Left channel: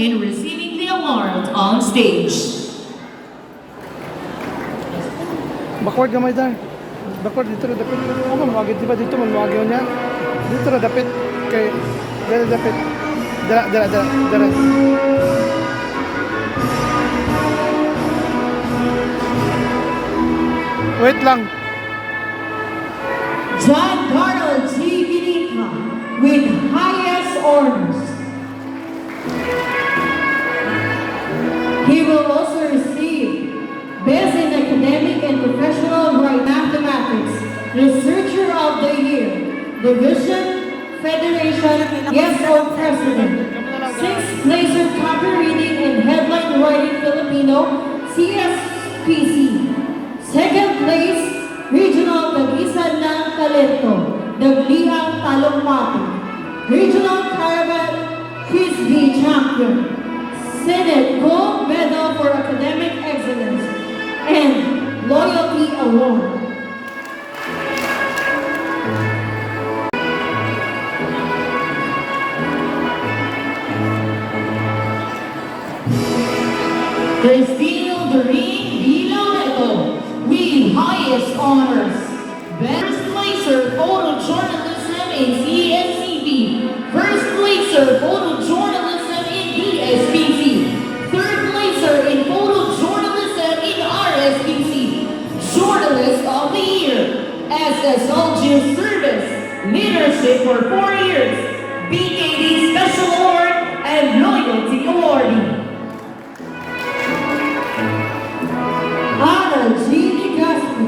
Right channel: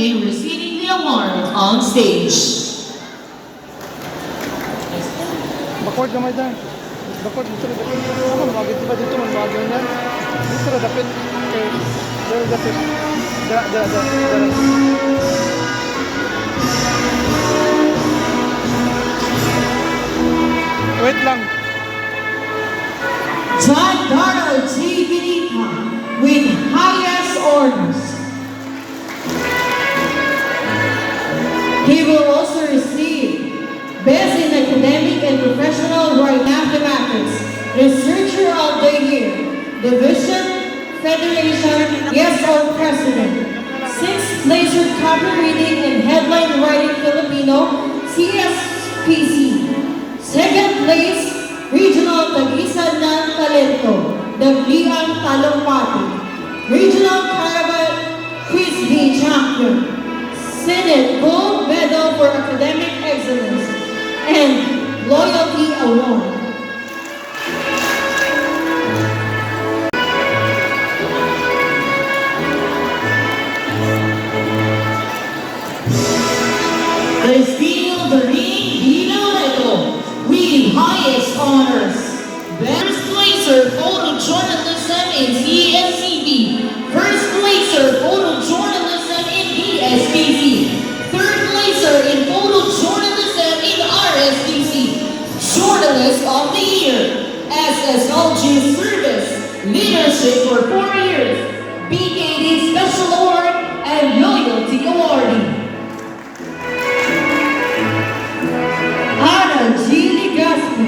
in receiving the award on stage. Backward gamay dyan. Backward, dito na dapit. Ako, magagit diba dito, magagaw niya. Dito na dapit. Okay, dala dapit. Dala. Wait lang. John Darrell G. Vinita with highest honors. He will also receive Best in Academic and Professional Right Mathematics, Researcher of the Year, Division, Federation, Guest of President, 6th Placer Cover Reading in Headline Writing Filipino, CSPC, 2nd place, Regional Tagisan ng Talento, Dagliang Talumpati, Regional Caravan Frisbee Champion, Senate Gold Medal for Academic Excellence, and Loyalty Award. Cristina Doreen Vinoleto with highest honors. First placer photojournalism in CSCB. First placer photojournalism in DSPC. Third placer in photojournalism in RSPC. Journalist of the Year. SSLG Service Leadership for 4 years. BKD Special Award and Loyalty Awardee. Ana G. Legaspi,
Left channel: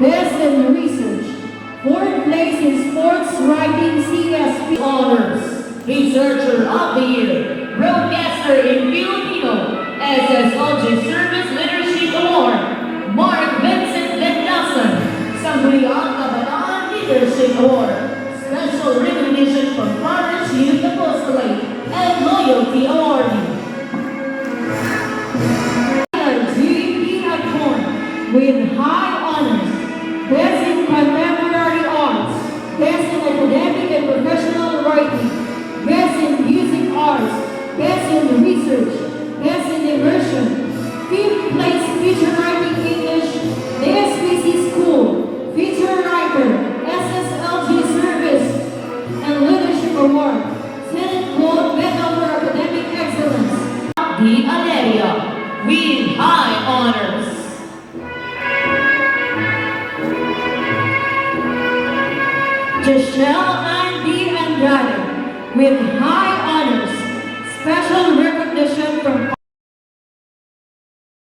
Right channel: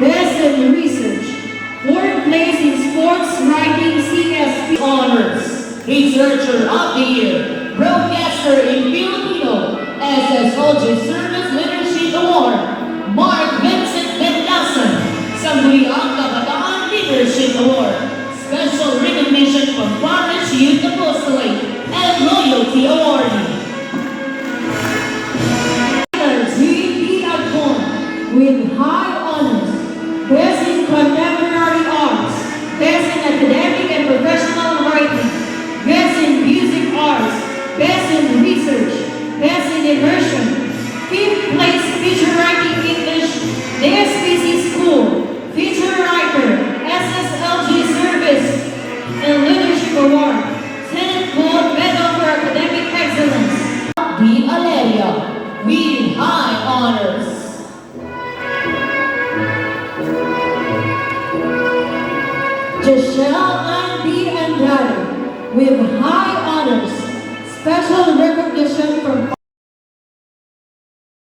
Best in Research, 4th place in Sports Writing CSP Honors. Researcher of the Year. Broadcaster in Filipino. SSLG Service Leadership Award. Mark Vincent Mendoza. Sangguniang Kabataan Leadership Award. Special recognition from Forest Youth Apostolate and Loyalty Awardee. with high honors, Best in Contemporary Arts, Best in Academic and Professional Writing, Best in Music Arts, Best in Research, Best in Immersion, 5th place Feature Writing English, DSPC School, Feature Writer, SSLG Service, and Leadership Award, 10th Gold Medal for Academic Excellence.